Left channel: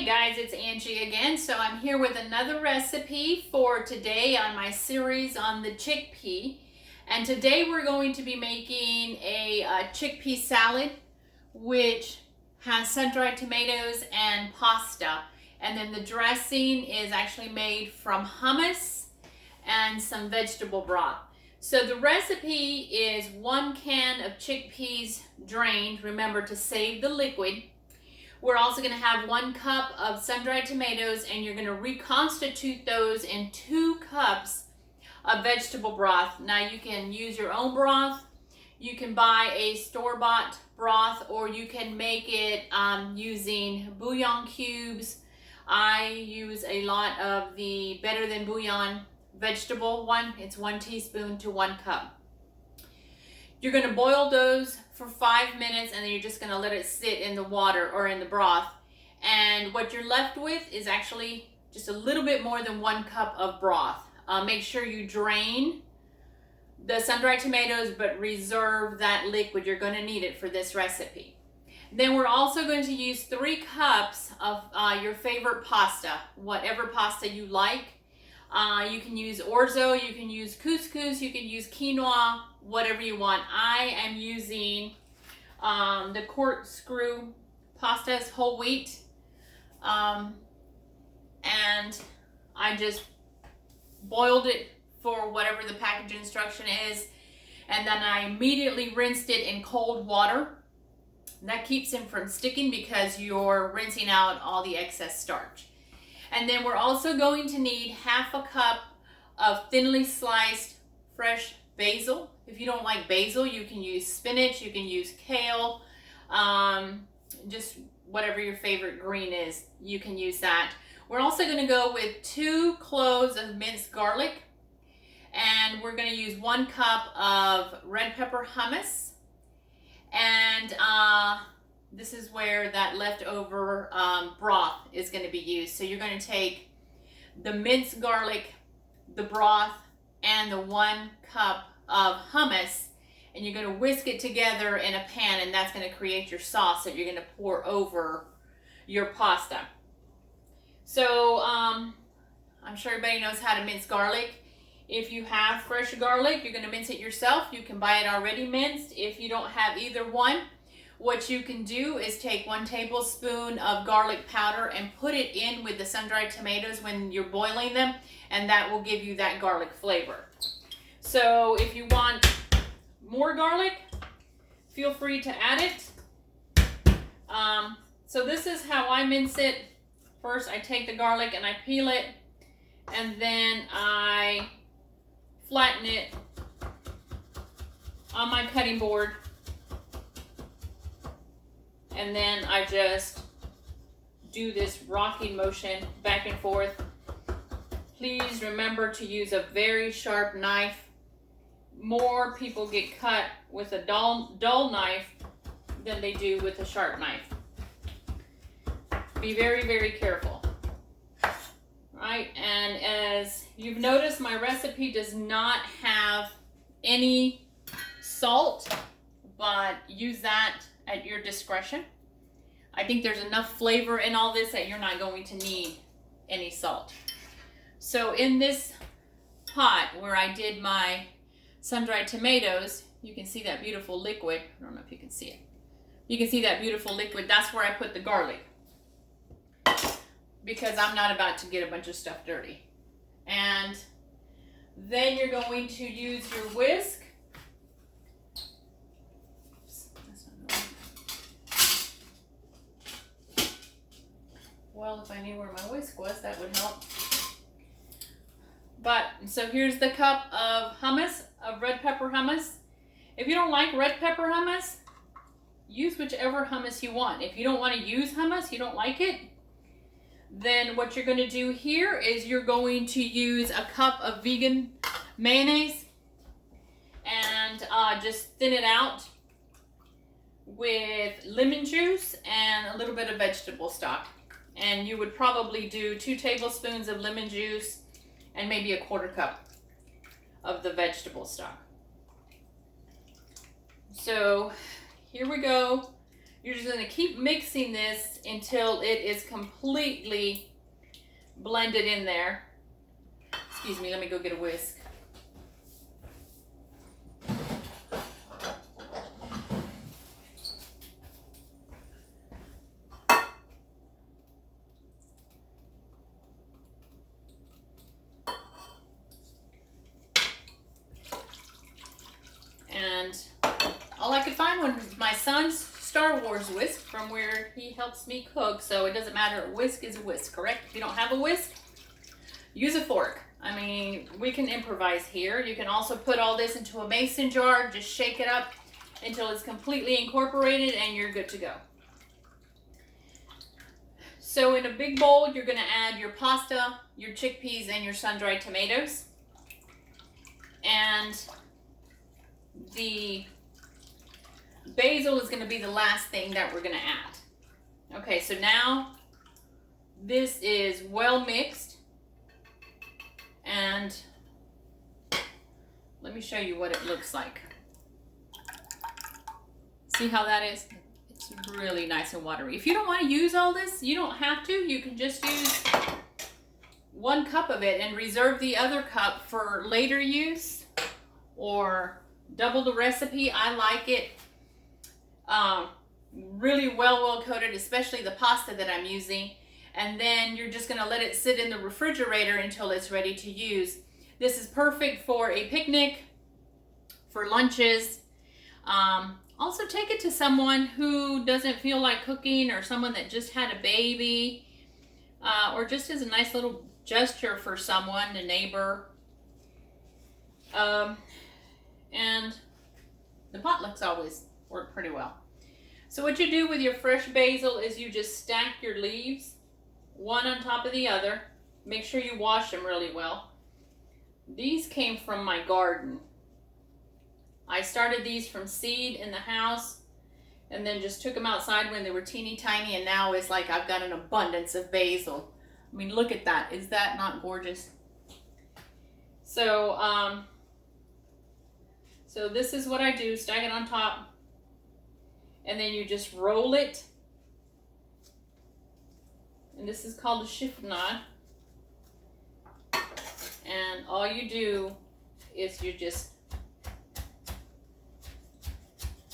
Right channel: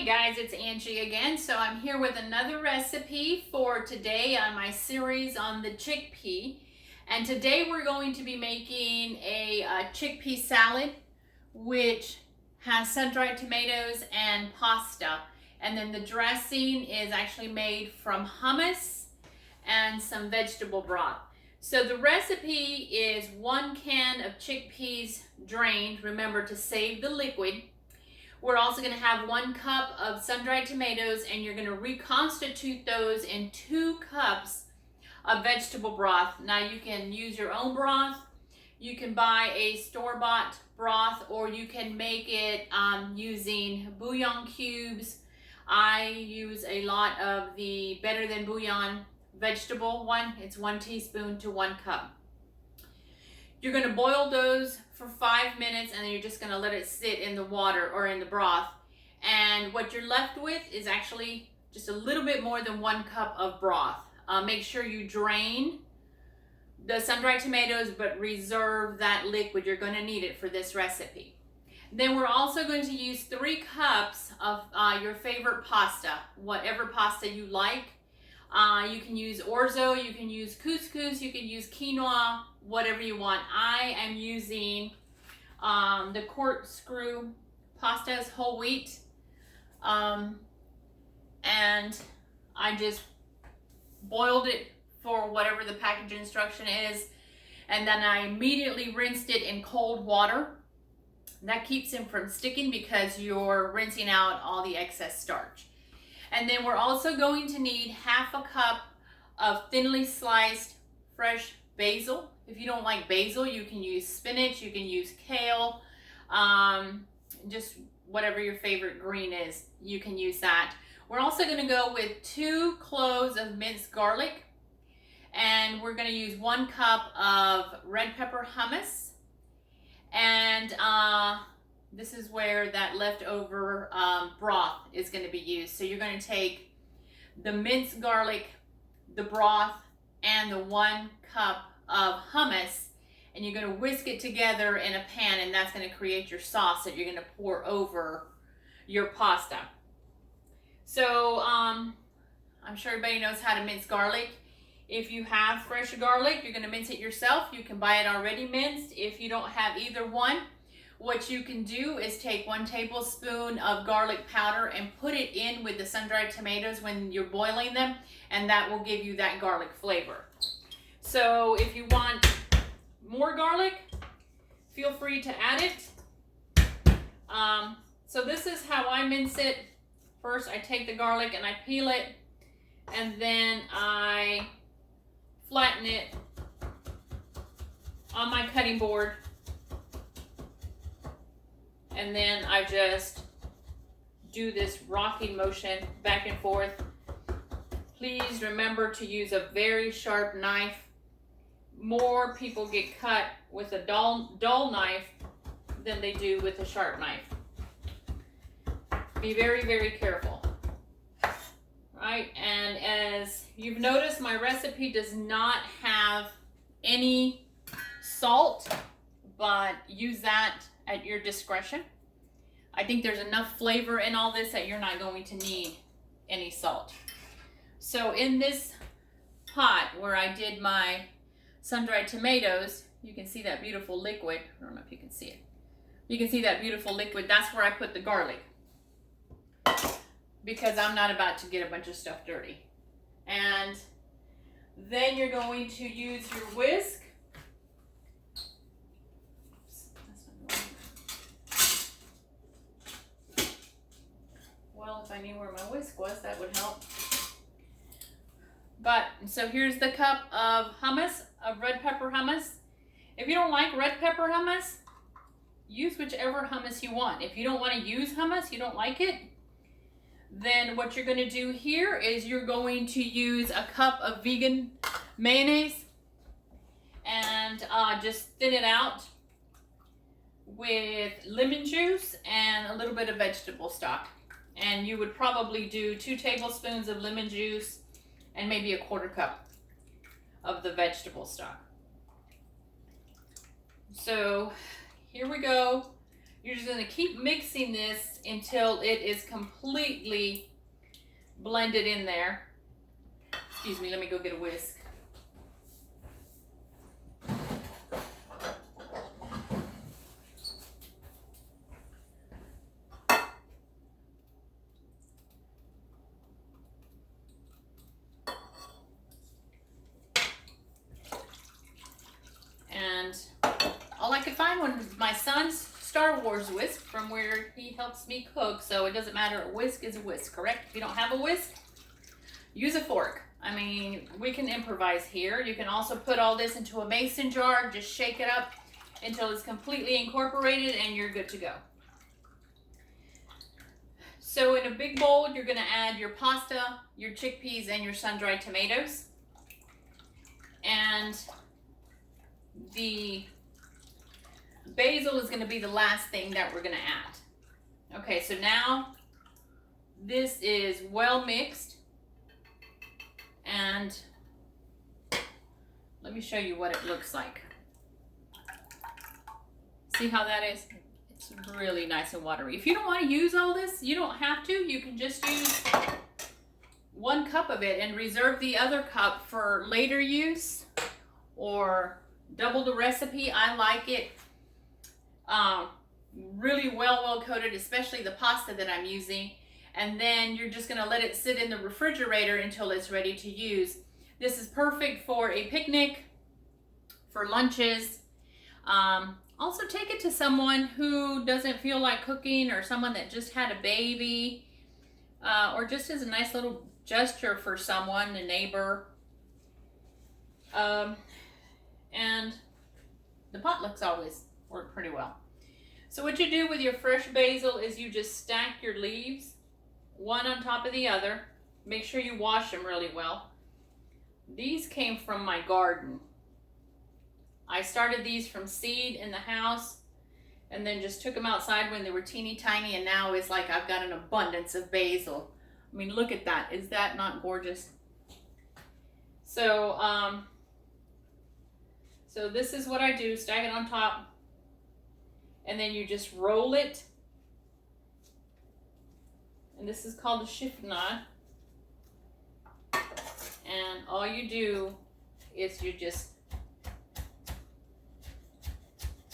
Hey guys, it's Angie again. So I'm here with another recipe for today on my series on the chickpea. And today we're going to be making a chickpea salad, which has sun-dried tomatoes and pasta. And then the dressing is actually made from hummus and some vegetable broth. So the recipe is 1 can of chickpeas drained. Remember to save the liquid. We're also going to have 1 cup of sun-dried tomatoes, and you're going to reconstitute those in 2 cups of vegetable broth. Now you can use your own broth, you can buy a store-bought broth, or you can make it using bouillon cubes. I use a lot of the Better Than Bouillon vegetable one. It's 1 teaspoon to 1 cup. You're going to boil those for 5 minutes, and then you're just going to let it sit in the water or in the broth. And what you're left with is actually just a little bit more than 1 cup of broth. Make sure you drain the sun-dried tomatoes, but reserve that liquid. You're going to need it for this recipe. Then we're also going to use 3 cups of your favorite pasta, whatever pasta you like. You can use orzo, you can use couscous, you can use quinoa, whatever you want. I am using the corkscrew pasta, is whole wheat, and I just boiled it for whatever the package instruction is, and then I immediately rinsed it in cold water. That keeps them from sticking because you're rinsing out all the excess starch. And then we're also going to need 1/2 cup of thinly sliced fresh basil. If you don't like basil, you can use spinach, you can use kale, just whatever your favorite green is, you can use that. We're also going to go with 2 cloves of minced garlic, and we're going to use 1 cup of red pepper hummus, and this is where that leftover broth is going to be used. So you're going to take the minced garlic, the broth, and the 1 cup of hummus, and you're going to whisk it together in a pan, and that's going to create your sauce that you're going to pour over your pasta. So I'm sure everybody knows how to mince garlic. If you have fresh garlic, you're going to mince it yourself. You can buy it already minced. If you don't have either one, what you can do is take 1 tablespoon of garlic powder and put it in with the sun-dried tomatoes when you're boiling them, and that will give you that garlic flavor. So if you want more garlic, feel free to add it. So this is how I mince it. First, I take the garlic and I peel it, and then I flatten it on my cutting board. And then I just do this rocking motion back and forth. Please remember to use a very sharp knife. More people get cut with a dull knife than they do with a sharp knife. Be very, very careful. Right? And as you've noticed, my recipe does not have any salt, but use that at your discretion. I think there's enough flavor in all this that you're not going to need any salt. So in this pot where I did my sun-dried tomatoes, you can see that beautiful liquid. I don't know if you can see it. You can see that beautiful liquid. That's where I put the garlic, because I'm not about to get a bunch of stuff dirty. And then you're going to use your whisk. Well, if I knew where my whisk was, that would help. But, so here's the cup of hummus, of red pepper hummus. If you don't like red pepper hummus, use whichever hummus you want. If you don't want to use hummus, you don't like it, then what you're going to do here is you're going to use a cup of vegan mayonnaise and just thin it out with lemon juice and a little bit of vegetable stock. And you would probably do 2 tablespoons of lemon juice and maybe a 1/4 cup of the vegetable stock. So here we go. You're just going to keep mixing this until it is completely blended in there. Excuse me, let me go get a whisk. And all I could find was my son's Star Wars whisk from where he helps me cook, so it doesn't matter. A whisk is a whisk, correct? If you don't have a whisk, use a fork. I mean, we can improvise here. You can also put all this into a mason jar, just shake it up until it's completely incorporated and you're good to go. So in a big bowl, you're gonna add your pasta, your chickpeas, and your sun-dried tomatoes. And the basil is gonna be the last thing that we're gonna add. Okay, so now this is well mixed. And let me show you what it looks like. See how that is? It's really nice and watery. If you don't want to use all this, you don't have to. You can just use 1 cup of it and reserve the other cup for later use, or double the recipe. I like it really well coated, especially the pasta that I'm using. And then you're just going to let it sit in the refrigerator until it's ready to use. This is perfect for a picnic, for lunches. Also take it to someone who doesn't feel like cooking, or someone that just had a baby, or just as a nice little gesture for someone, a neighbor. And the potlucks always work pretty well. So what you do with your fresh basil is you just stack your leaves one on top of the other. Make sure you wash them really well. These came from my garden. I started these from seed in the house and then just took them outside when they were teeny tiny, and now it's like I've got an abundance of basil. I mean, look at that. Is that not gorgeous? So, so this is what I do. Stack it on top, and then you just roll it. And this is called a chiffonade. And all you do is you just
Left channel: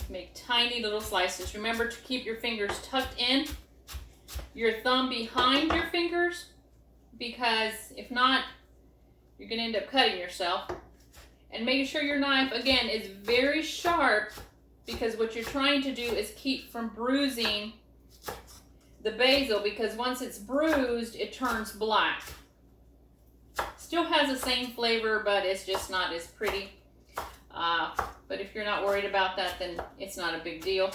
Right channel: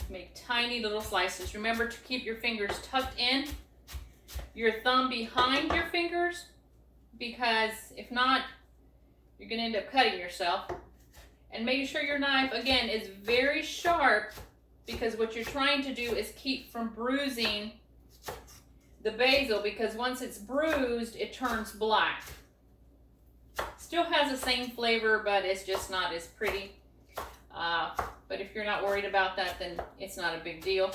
make tiny little slices. Remember to keep your fingers tucked in, your thumb behind your fingers, because if not, you're going to end up cutting yourself. And make sure your knife, again, is very sharp, because what you're trying to do is keep from bruising the basil, because once it's bruised, it turns black. Still has the same flavor, but it's just not as pretty. But if you're not worried about that, then it's not a big deal.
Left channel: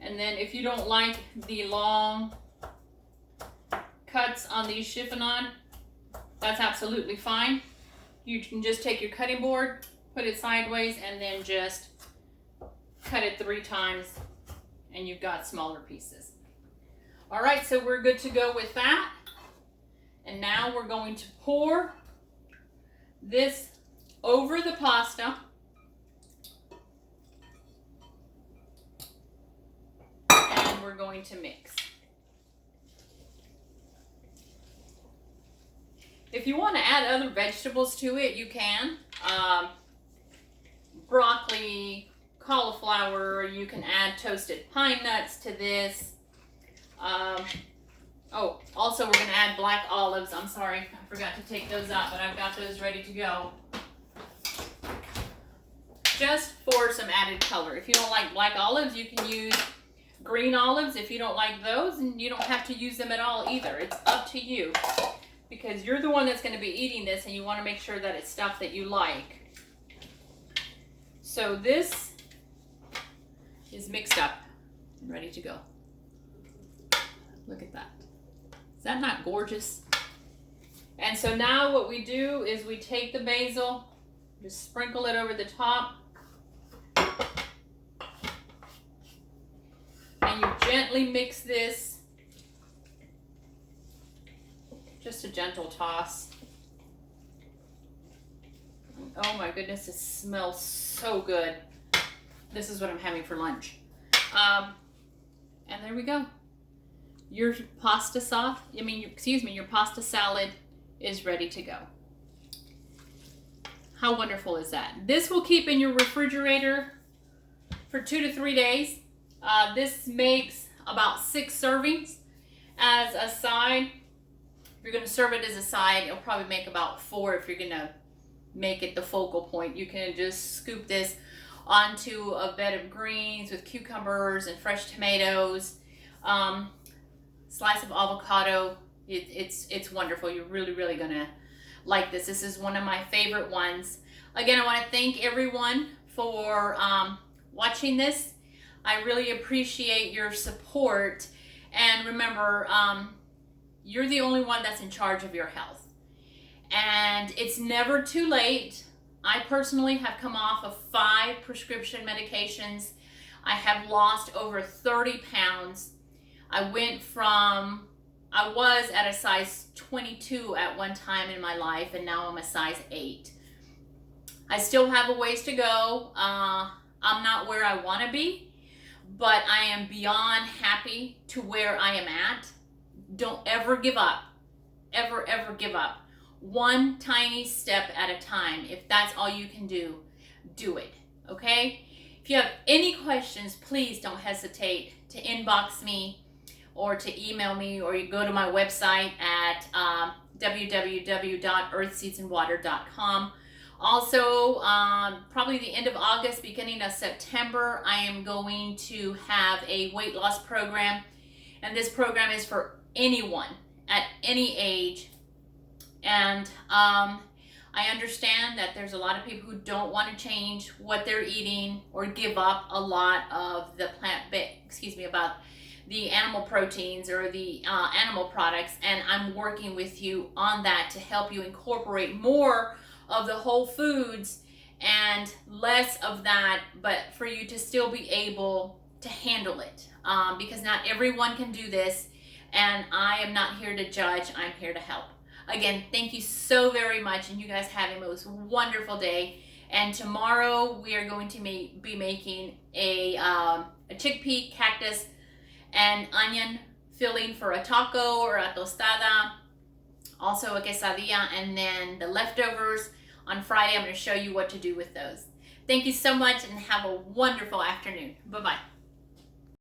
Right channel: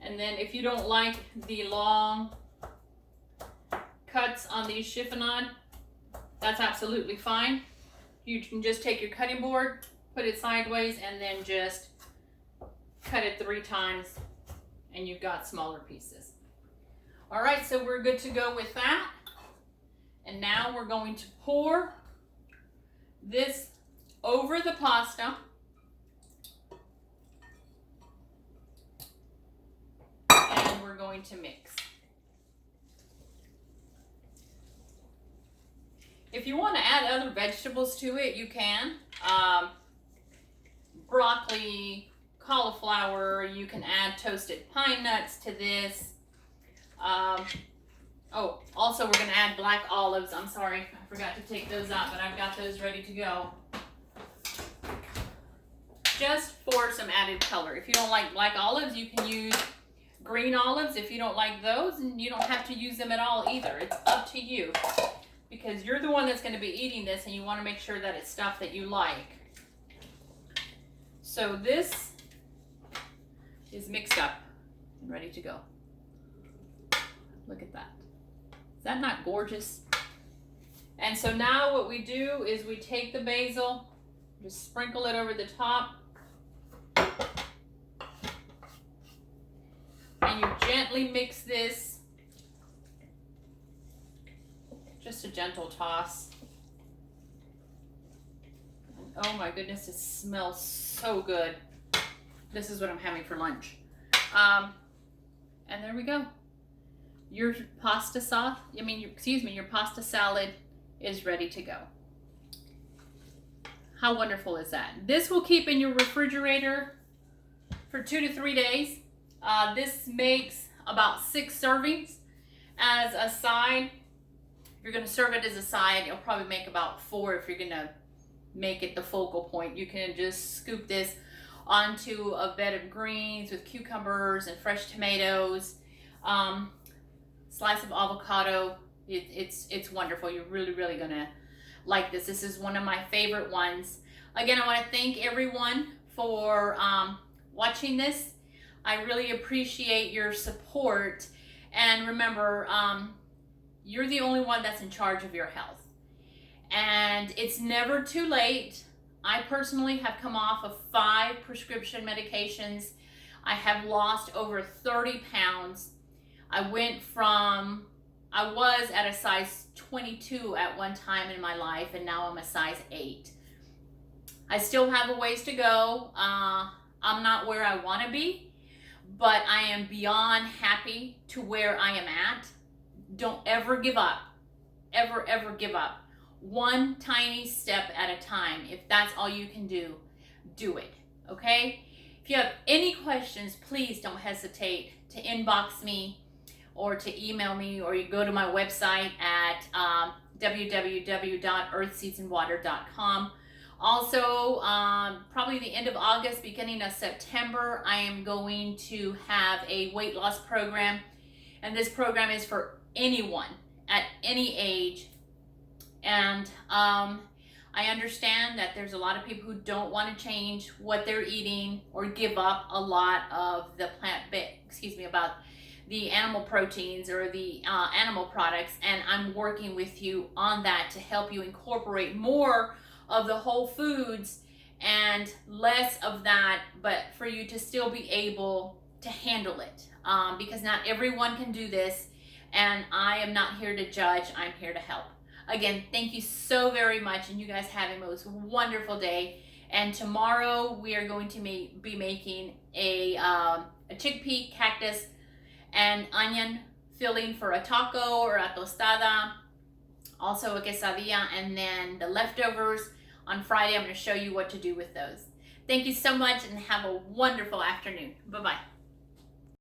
And then if you don't like the long cuts on these chiffonade, that's absolutely fine. You can just take your cutting board, put it sideways, and then just cut it 3 times, and you've got smaller pieces. All right, so we're good to go with that. And now we're going to pour this over the pasta. And we're going to mix. If you want to add other vegetables to it, you can. Broccoli, cauliflower, you can add toasted pine nuts to this. Oh, also we're going to add black olives. I'm sorry, I forgot to take those out, but I've got those ready to go. Just for some added color. If you don't like black olives, you can use green olives. If you don't like those, and you don't have to use them at all either. It's up to you, because you're the one that's going to be eating this, and you want to make sure that it's stuff that you like. So this is mixed up and ready to go. Look at that. Is that not gorgeous? And so now what we do is we take the basil, just sprinkle it over the top, and you gently mix this. Just a gentle toss. Oh my goodness, it smells so good. This is what I'm having for lunch. And there we go. Your pasta sauce, your pasta salad is ready to go. How wonderful is that? This will keep in your refrigerator for 2 to 3 days. This makes about 6 servings as a side. If you're going to serve it as a side, it'll probably make about 4 if you're going to make it the focal point. You can just scoop this onto a bed of greens with cucumbers and fresh tomatoes, slice of avocado. It's wonderful. You're really gonna like this. This is one of my favorite ones. Again, I want to thank everyone for watching this. I really appreciate your support, and remember, you're the only one that's in charge of your health, and it's never too late. I personally have come off of 5 prescription medications. I have lost over 30 pounds. I was at a size 22 at one time in my life, and now I'm a size 8. I still have a ways to go. I'm not where I want to be, but I am beyond happy to where I am at. Don't ever give up. Ever give up. One tiny step at a time. If that's all you can do, do it. Okay? If you have any questions, please don't hesitate to inbox me or to email me, or you go to my website at www.earthseedsandwater.com. Also, probably the end of August, beginning of September, I am going to have a weight loss program, and this program is for anyone at any age. And I understand that there's a lot of people who don't want to change what they're eating or give up a lot of the about the animal proteins or the animal products, and I'm working with you on that to help you incorporate more of the whole foods and less of that, but for you to still be able to handle it, because not everyone can do this, and I am not here to judge. I'm here to help. Again, thank you so very much, and you guys have a most wonderful day. And tomorrow we are going to be making a chickpea, cactus, and onion filling for a taco or a tostada, also a quesadilla, and then the leftovers on Friday. I'm going to show you what to do with those. Thank you so much, and have a wonderful afternoon. Bye-bye.